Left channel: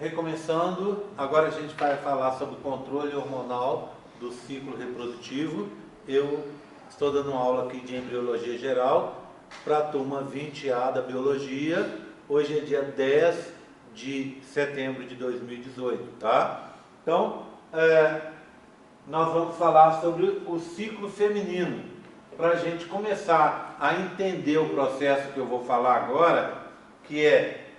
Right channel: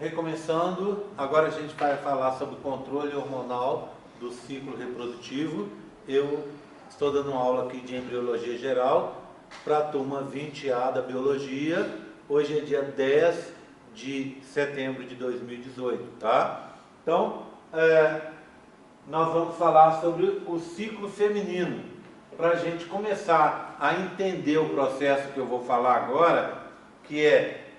Recomeçando, agora a gente vai falar sobre o controle hormonal do ciclo reprodutivo. Eu estou dando uma aula aqui de embriologia geral para a turma 20A da biologia. Hoje é dia 10 de setembro de 2018, tá? Então, nós vamos falar sobre o ciclo feminino, para a gente começar a entender o processo que eu vou falar agora, que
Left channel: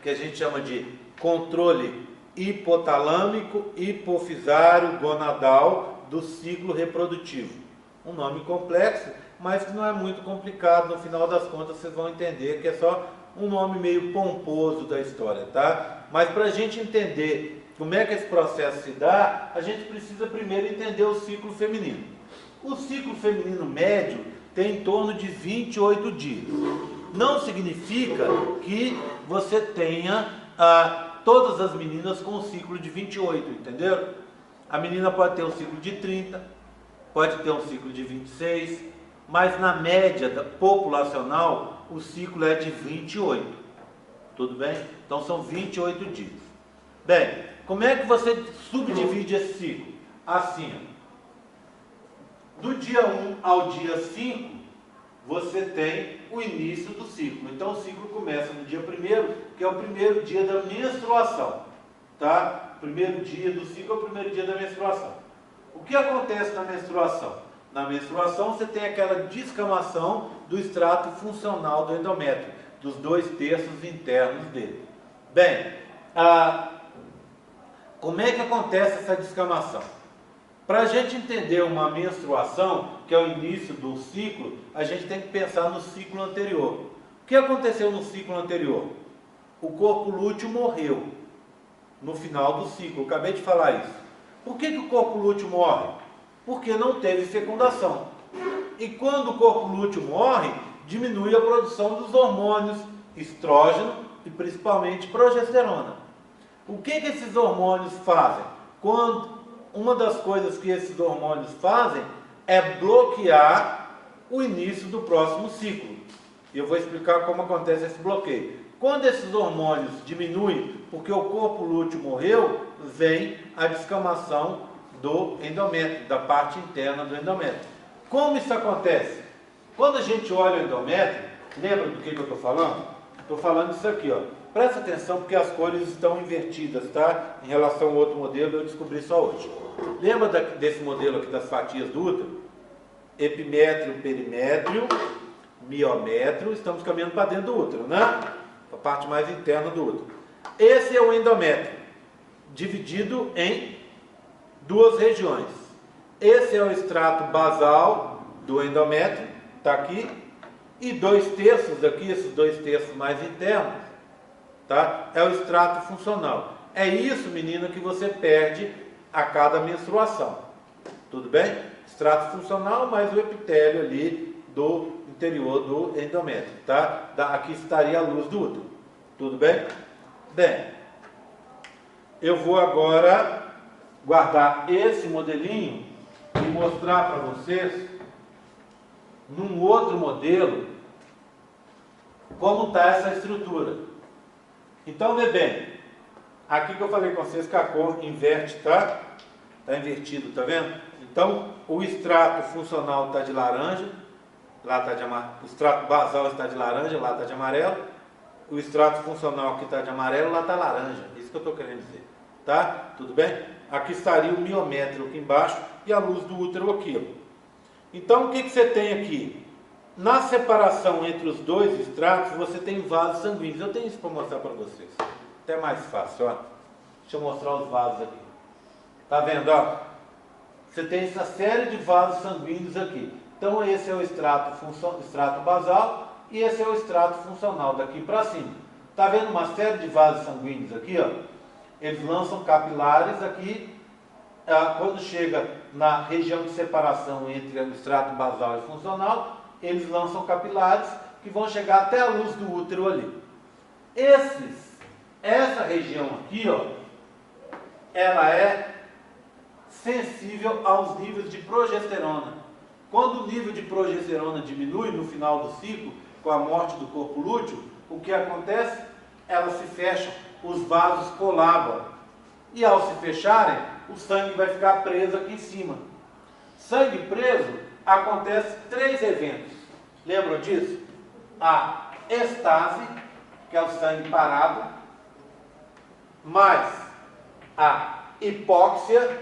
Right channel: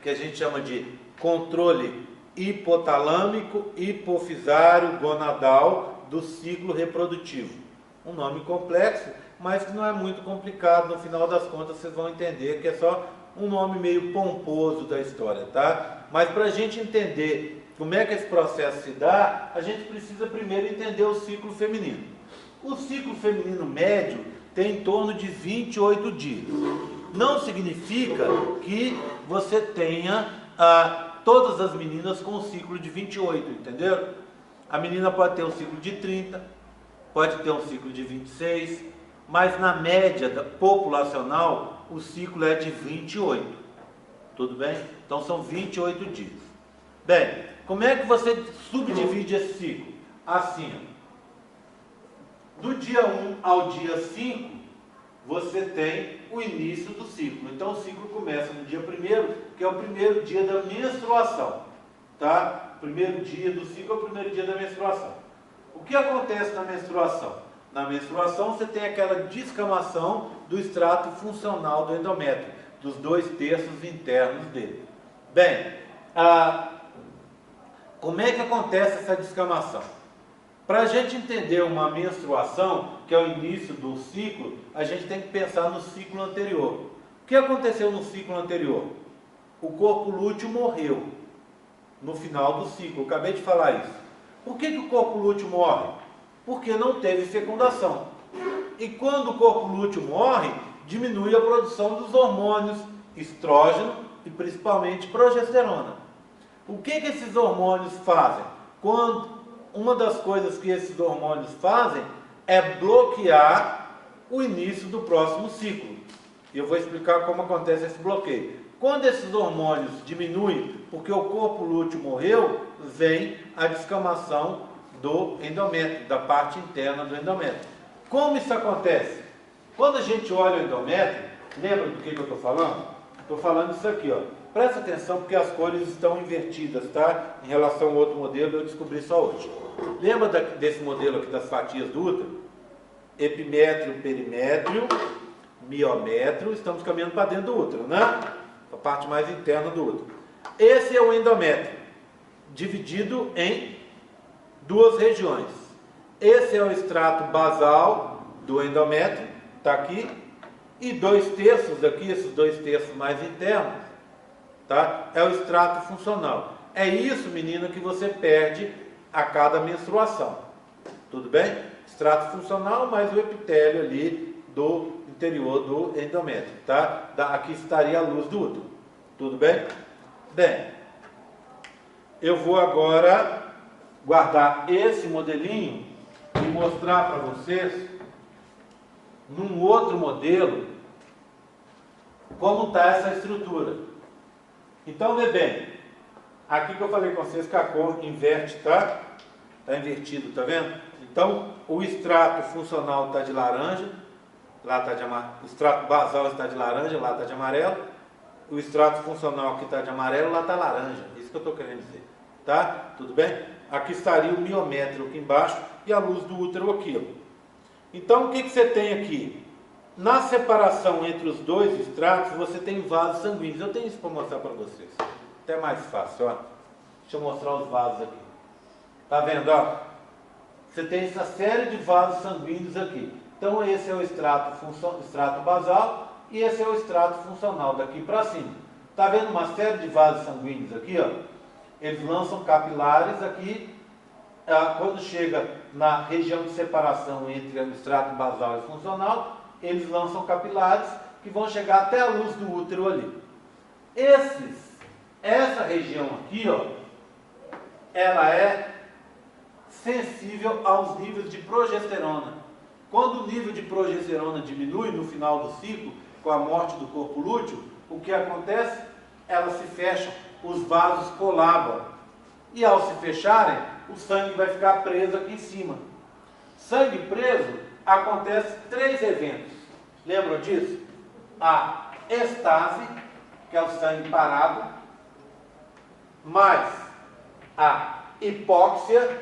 a gente chama de controle hipotalâmico, hipofisário, gonadal do ciclo reprodutivo. Um nome complexo, mas que não é muito complicado. No final das contas vocês vão entender que é só um nome meio pomposo da história, tá? Mas para a gente entender como é que esse processo se dá, a gente precisa primeiro entender o ciclo feminino. O ciclo feminino médio tem em torno de 28 dias. Não significa que você tenha todas as meninas com um ciclo de 28, entenderam? A menina pode ter um ciclo de 30, pode ter um ciclo de 26, mas na média populacional o ciclo é de 28. Tudo bem? Então são 28 dias. Bem, como é que você subdivide esse ciclo? Assim, do dia 1 ao dia 5, você tem o início do ciclo. Então o ciclo começa no dia 1º, que é o primeiro dia da menstruação, tá? O primeiro dia do ciclo é o primeiro dia da menstruação. O que acontece na menstruação? Na menstruação você tem aquela descamação do extrato funcional do endométrio, dos 2/3 internos dele. Bem, como é que acontece essa descamação? Para a gente entender uma menstruação, que é o início do ciclo, a gente tem que pensar no ciclo anterior. O que aconteceu no ciclo anterior? O corpo lúteo morreu no final do ciclo. Eu acabei de falar isso. Por que o corpo lúteo morre? Porque não teve fecundação. E quando o corpo lúteo morre, diminui a produção dos hormônios estrógeno e principalmente progesterona. O que esses hormônios fazem? Uma das coisas que esses hormônios fazem é bloquear o início do próximo ciclo. E eu vou explicar como acontece esse bloqueio. Quando esses hormônios diminuem, porque o corpo lúteo morreu, vem a descamação do endométrio, da parte interna do endométrio. Como isso acontece? Quando a gente olha o endométrio, lembra do que eu estou falando? Estou falando isso aqui, ó. Presta atenção porque as cores estão invertidas, tá? Em relação ao outro modelo, eu descobri só hoje. Lembra desse modelo aqui das fatias do útero? Epimétrio, perimétrio, miométrio, estamos caminhando para dentro do útero, né? A parte mais interna do útero. Esse é o endométrio, dividido em duas regiões. Esse é o extrato basal do endométrio, está aqui, e 2/3 aqui, esses 2/3 mais internos, tá? É o extrato funcional. É isso, menina, que você perde a cada menstruação. Tudo bem? Extrato funcional mais o epitélio ali do interior do endométrio, tá? Aqui estaria a luz do útero. Tudo bem? Bem, eu vou agora guardar esse modelinho e mostrar para vocês, num outro modelo, como está essa estrutura. Então, vê bem, aqui que eu falei com vocês que a cor inverte, tá? Está invertido, tá vendo? Então, o extrato funcional está de laranja, lá está de amarelo. O extrato basal está de laranja, lá está de amarelo. O extrato funcional aqui está de amarelo, lá está laranja. Isso que eu estou querendo dizer, tá? Tudo bem? Aqui estaria o miométrio aqui embaixo e a luz do útero aqui, ó. Então, o que você tem aqui? Na separação entre os dois extratos, você tem vasos sanguíneos. Eu tenho isso para mostrar para vocês. Até mais fácil, ó. Deixa eu mostrar os vasos aqui. Tá vendo, ó? Você tem essa série de vasos sanguíneos aqui. Então, esse é o extrato basal e esse é o extrato funcional daqui para cima. Tá vendo uma série de vasos sanguíneos aqui, ó? Eles lançam capilares aqui. Quando chega na região de separação entre o extrato basal e funcional, eles lançam capilares que vão chegar até a luz do útero ali. Essa região aqui, ó, ela é sensível aos níveis de progesterona. Quando o nível de progesterona diminui no final do ciclo, com a morte do corpo lúteo, o que acontece? Elas se fecham, os vasos colabam. E ao se fecharem, o sangue vai ficar preso aqui em cima. Sangue preso, acontece 3 eventos. Lembram disso? A estase, que é o sangue parado, mais a hipóxia,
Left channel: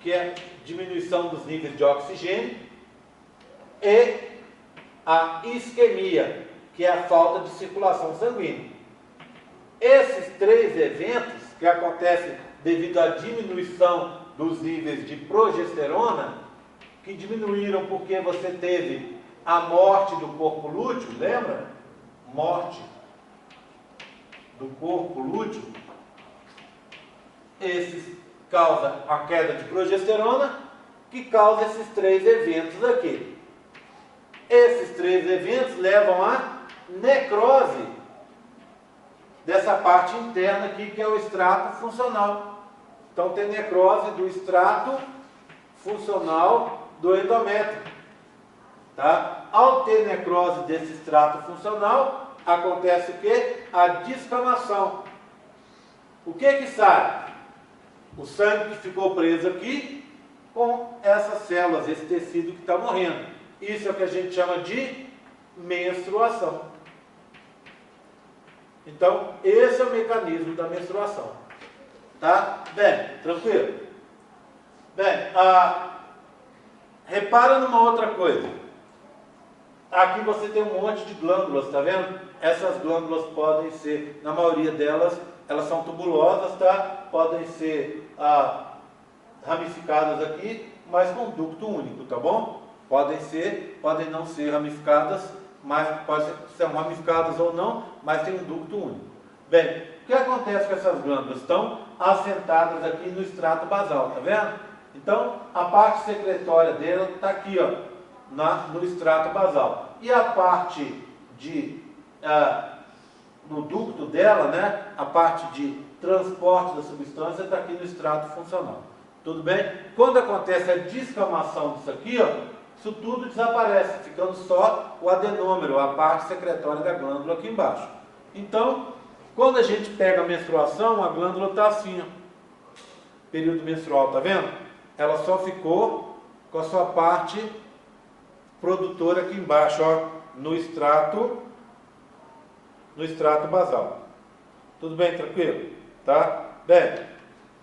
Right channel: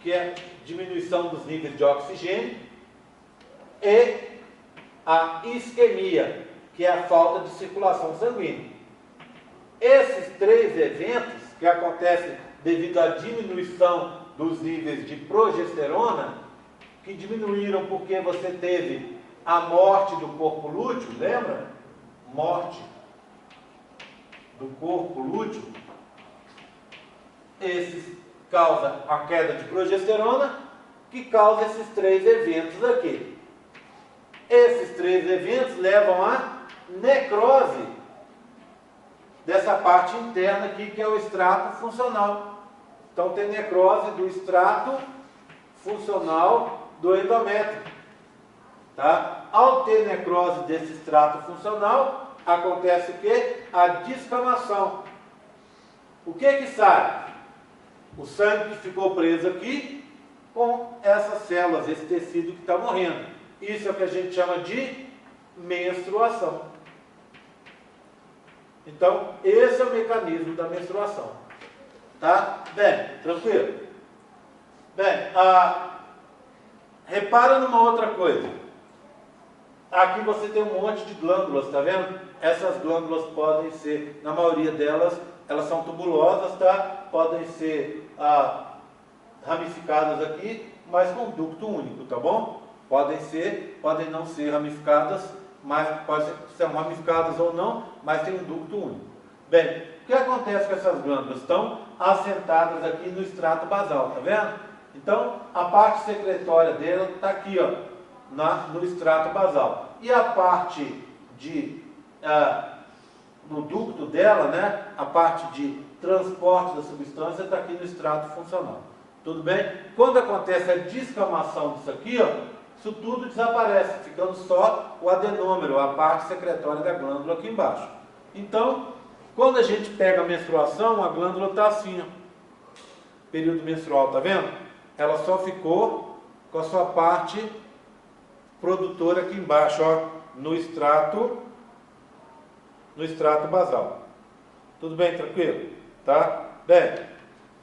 que é diminuição dos níveis de oxigênio, e a isquemia, que é a falta de circulação sanguínea. Esses 3 eventos, que acontecem devido à diminuição dos níveis de progesterona, que diminuíram porque você teve a morte do corpo lúteo, lembra? Morte do corpo lúteo. Esses causam a queda de progesterona, que causa esses 3 eventos aqui. Esses 3 eventos levam à necrose dessa parte interna aqui, que é o extrato funcional. Então tem necrose do extrato funcional do endométrio. Tá? Ao ter necrose desse extrato funcional, acontece o quê? A descamação. O que sai? O sangue que ficou preso aqui com essas células, esse tecido que está morrendo. Isso é o que a gente chama de menstruação. Então, esse é o mecanismo da menstruação. Tá? Bem, tranquilo? Bem, repara numa outra coisa. Aqui você tem um monte de glândulas, tá vendo? Essas glândulas podem ser, na maioria delas, elas são tubulosas, tá? Podem ser ramificadas aqui, mas com ducto único, tá bom? Podem não ser ramificadas, mas ser ramificadas ou não, mas tem um ducto único. Bem, o que acontece com essas glândulas? Estão assentadas aqui no extrato basal, tá vendo? Então, a parte secretória dela está aqui, ó, no extrato basal. E a parte no ducto dela, né, a parte de transporte da substância está aqui no extrato funcional. Tudo bem? Quando acontece a descamação disso aqui, ó, isso tudo desaparece, ficando só o adenômero, a parte secretória da glândula aqui embaixo. Então, quando a gente pega a menstruação, a glândula está assim, ó. Período menstrual, tá vendo? Ela só ficou com a sua parte produtora aqui embaixo, ó, no extrato basal. Tudo bem, tranquilo? Tá? Bem,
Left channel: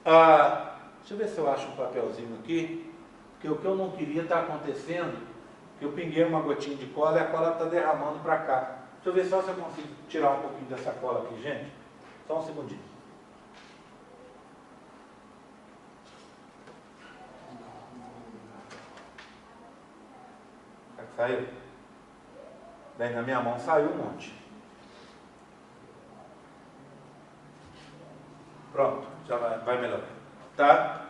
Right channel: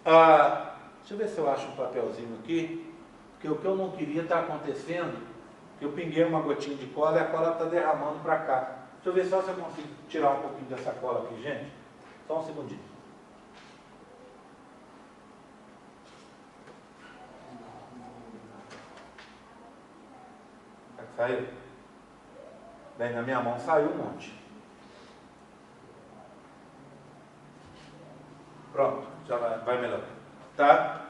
deixa eu ver se eu acho um papelzinho aqui, porque o que eu não queria está acontecendo, que eu pinguei uma gotinha de cola e a cola está derramando para cá. Deixa eu ver só se eu consigo tirar um pouquinho dessa cola aqui, gente. Só um segundinho. Saiu? Bem, na minha mão saiu um monte. Pronto, já vai melhor. Tá?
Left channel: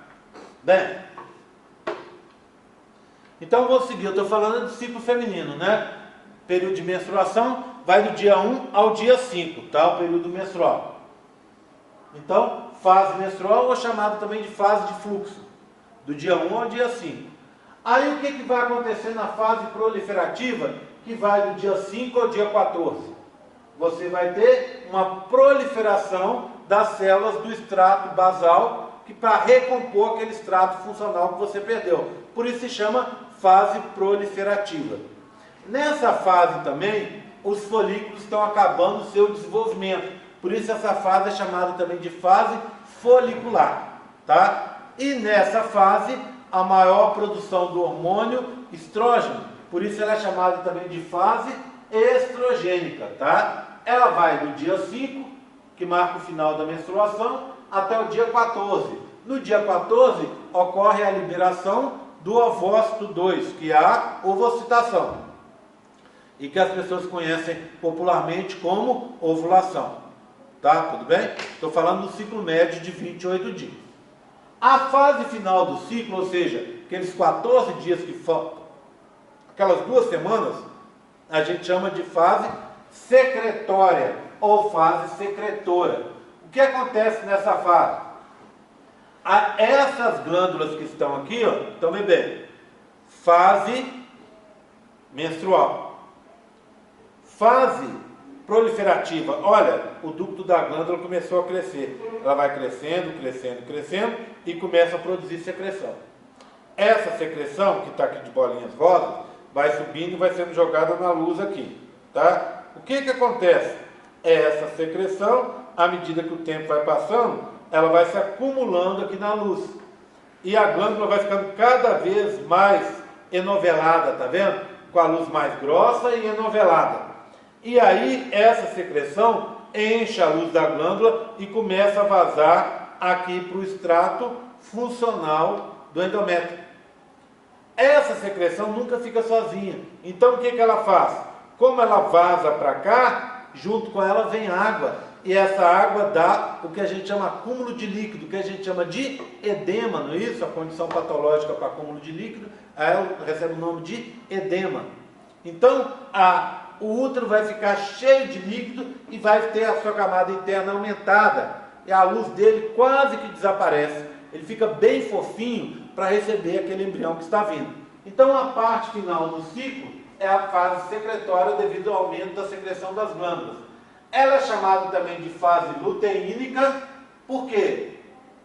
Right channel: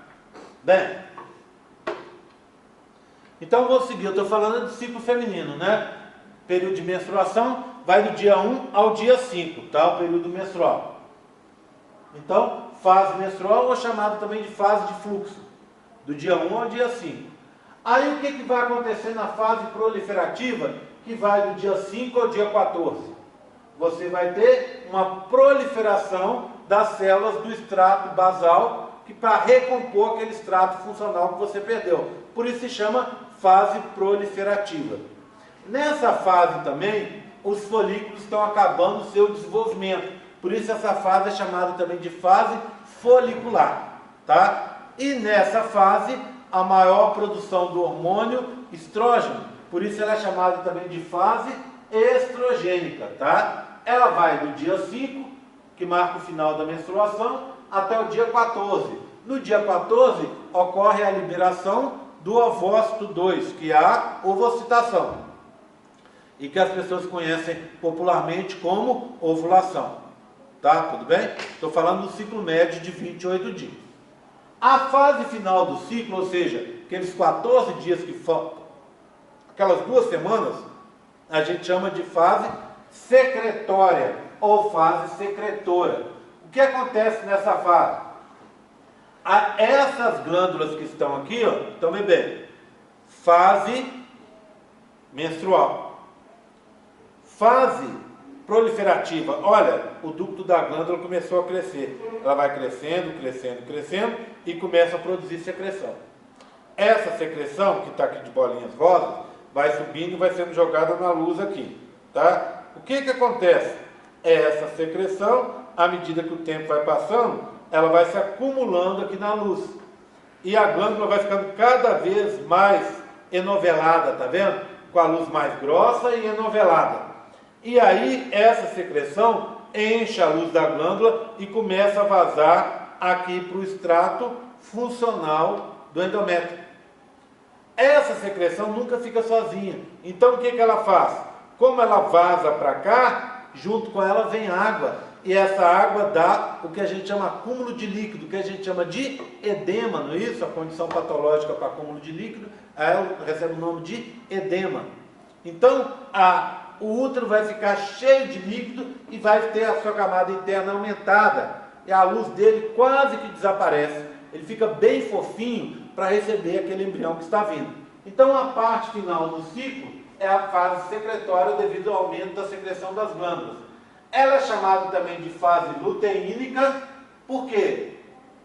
Bem, então vou seguir. Eu estou falando de ciclo feminino, né? Período de menstruação vai do dia 1 ao dia 5, tá? O período menstrual. Então, fase menstrual, ou chamado também de fase de fluxo, do dia 1 ao dia 5. Aí o que vai acontecer na fase proliferativa, que vai do dia 5 ao dia 14? Você vai ter uma proliferação das células do extrato basal, que para recompor aquele extrato funcional que você perdeu. Por isso se chama fase proliferativa. Nessa fase também, os folículos estão acabando o seu desenvolvimento. Por isso essa fase é chamada também de fase folicular. Tá? E nessa fase, a maior produção do hormônio estrógeno. Por isso ela é chamada também de fase estrogênica. Tá? Ela vai do dia 5, que marca o final da menstruação, até o dia 14. No dia 14, ocorre a liberação do ovócito 2, que é a ovocitação, e que as pessoas conhecem popularmente como ovulação. Tá? Tudo bem? Estou falando do ciclo médio de 28 dias. A fase final do ciclo, ou seja, aqueles 14 dias que faltam, aquelas 2 semanas, a gente chama de fase secretória ou fase secretora. O que acontece nessa fase? Essas glândulas que estão aqui, ó, tomem bem, fase menstrual, fase proliferativa. Olha, o ducto da glândula começou a crescer. Ela vai crescendo, crescendo, crescendo e começa a produzir secreção. Essa secreção, que está aqui de bolinhas rosas, vai subindo e vai sendo jogada na luz aqui. Tá? O que acontece? Essa secreção, à medida que o tempo vai passando, ela vai se acumulando aqui na luz. E a glândula vai ficando cada vez mais enovelada, tá vendo? Com a luz mais grossa e enovelada. E aí, essa secreção enche a luz da glândula e começa a vazar aqui para o extrato funcional do endométrio. Essa secreção nunca fica sozinha. Então, o que ela faz? Como ela vaza para cá, junto com ela vem água. E essa água dá o que a gente chama acúmulo de líquido, o que a gente chama de edema, não é isso? A condição patológica para acúmulo de líquido, ela recebe o nome de edema. Então, o útero vai ficar cheio de líquido e vai ter a sua camada interna aumentada. E a luz dele quase que desaparece. Ele fica bem fofinho para receber aquele embrião que está vindo. Então, a parte final do ciclo é a fase secretória devido ao aumento da secreção das glândulas. Ela é chamada também de fase luteínica, porque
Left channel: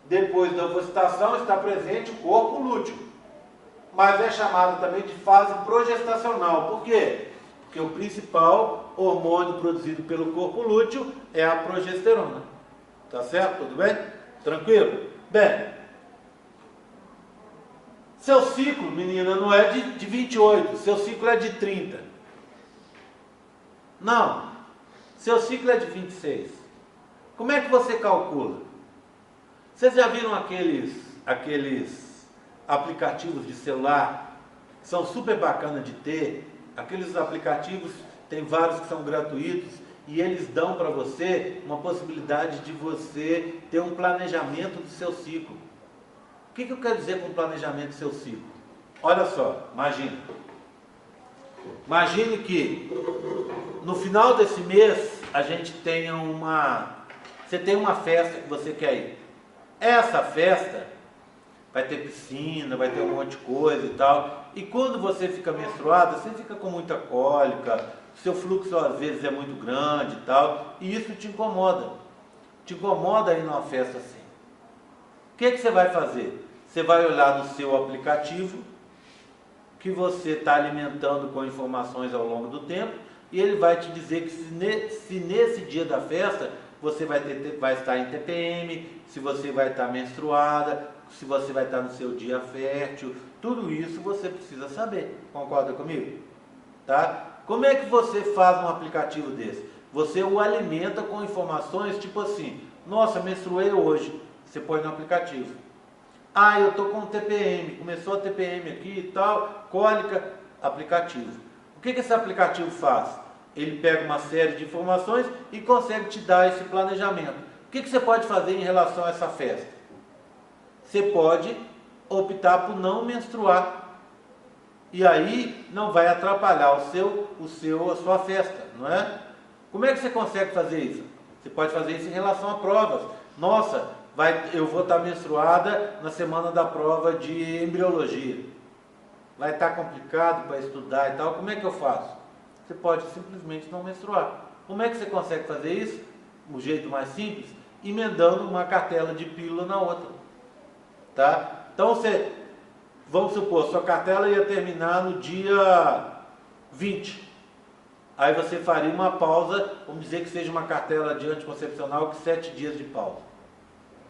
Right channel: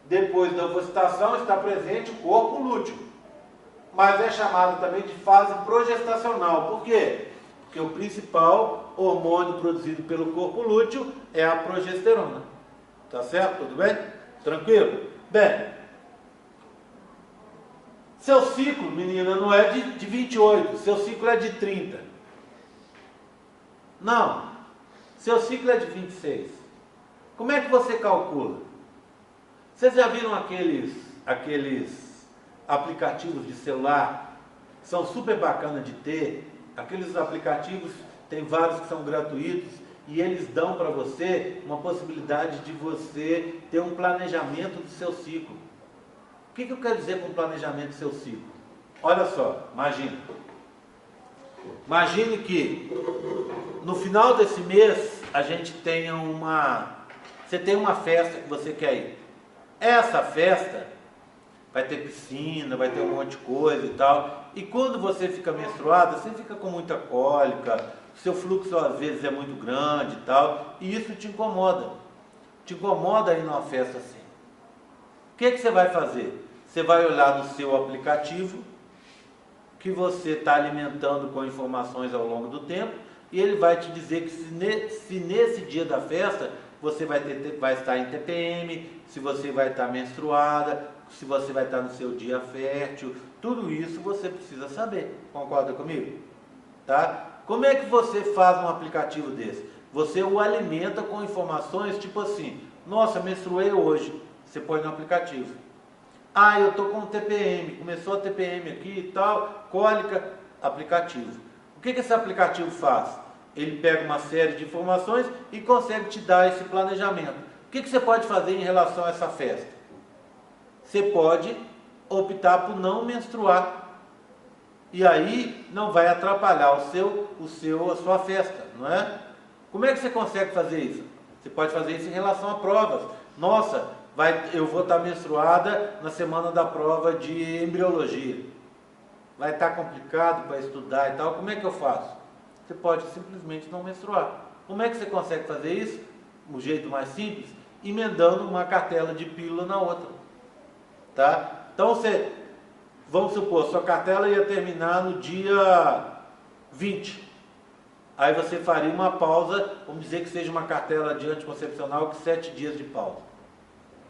depois da ovulação está presente o corpo lúteo. Mas é chamada também de fase progestacional. Por quê? Porque o principal hormônio produzido pelo corpo lúteo é a progesterona. Tá certo? Tudo bem? Tranquilo? Bem, seu ciclo, menina, não é de 28, seu ciclo é de 30. Não, seu ciclo é de 26. Como é que você calcula? Vocês já viram aqueles aplicativos de celular que são super bacanas de ter? Aqueles aplicativos, tem vários que são gratuitos e eles dão para você uma possibilidade de você ter um planejamento do seu ciclo. O que eu quero dizer com planejamento do seu ciclo? Olha só, imagine. Imagine que no final desse mês a gente tenha você tem uma festa que você quer ir. Essa festa vai ter piscina, vai ter um monte de coisa e tal. E quando você fica menstruada, você fica com muita cólica, seu fluxo às vezes é muito grande e tal, e isso te incomoda. Te incomoda ir numa festa assim. O que você vai fazer? Você vai olhar no seu aplicativo, que você está alimentando com informações ao longo do tempo, e ele vai te dizer que se nesse dia da festa você vai estar em TPM, se você vai estar menstruada, se você vai estar no seu dia fértil, tudo isso você precisa saber. Concorda comigo? Tá? Como é que você faz um aplicativo desse? Você o alimenta com informações tipo assim: nossa, menstruei hoje. Você põe no aplicativo. Ah, eu estou com TPM, começou a TPM aqui e tal, cólica, aplicativo. O que esse aplicativo faz? Ele pega uma série de informações e consegue te dar esse planejamento. O que você pode fazer em relação a essa festa? Você pode optar por não menstruar. E aí não vai atrapalhar a sua festa, não é? Como é que você consegue fazer isso? Você pode fazer isso em relação a provas. Nossa, eu vou estar menstruada na semana da prova de embriologia. Vai estar complicado para estudar e tal. Como é que eu faço? Você pode simplesmente não menstruar. Como é que você consegue fazer isso? O jeito mais simples, emendando uma cartela de pílula na outra. Tá? Então vamos supor, sua cartela ia terminar no dia 20. Aí você faria uma pausa, vamos dizer que seja uma cartela de anticoncepcional com 7 dias de pausa.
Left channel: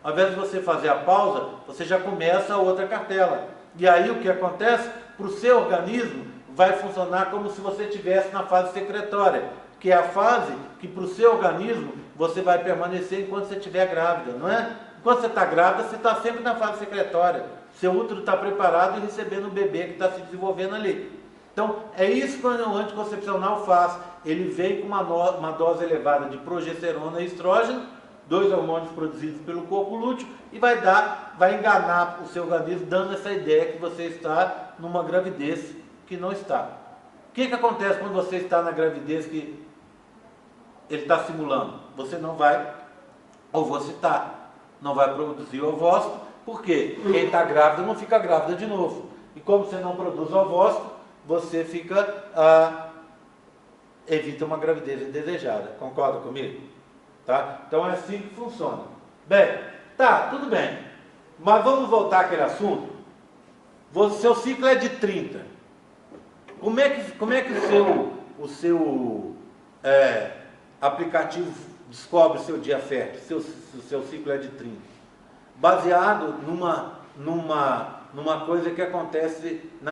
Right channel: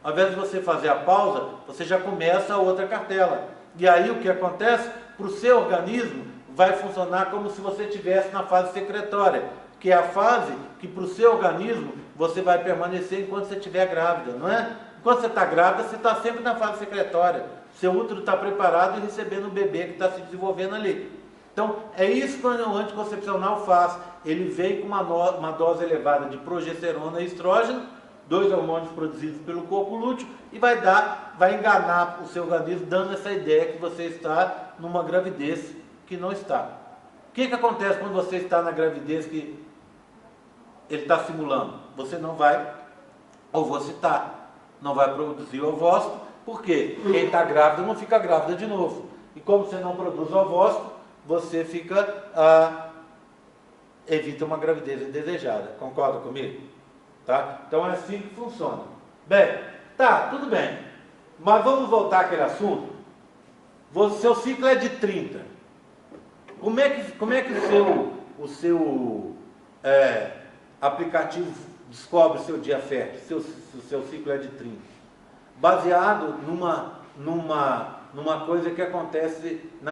Ao invés de você fazer a pausa, você já começa a outra cartela. E aí o que acontece? Para o seu organismo vai funcionar como se você estivesse na fase secretória, que é a fase que para o seu organismo você vai permanecer enquanto você estiver grávida, não é? Enquanto você está grávida, você está sempre na fase secretória. Seu útero está preparado e recebendo o bebê que está se desenvolvendo ali. Então, é isso que o anticoncepcional faz. Ele vem com uma dose elevada de progesterona e estrógeno, 2 hormônios produzidos pelo corpo lúteo, e vai enganar o seu organismo, dando essa ideia que você está numa gravidez que não está. O que acontece quando você está na gravidez que ele está simulando? Você não vai ovocitar, não vai produzir ovócito. Por quê? Quem está grávida não fica grávida de novo. E como você não produz ovócito, você fica evita uma gravidez indesejada. Concorda comigo? Tá? Então é assim que funciona. Bem, tá, tudo bem. Mas vamos voltar àquele assunto. Seu ciclo é de 30. Como é que o seu aplicativo descobre o seu dia fértil, se o seu ciclo é de 30? Baseado numa coisa que acontece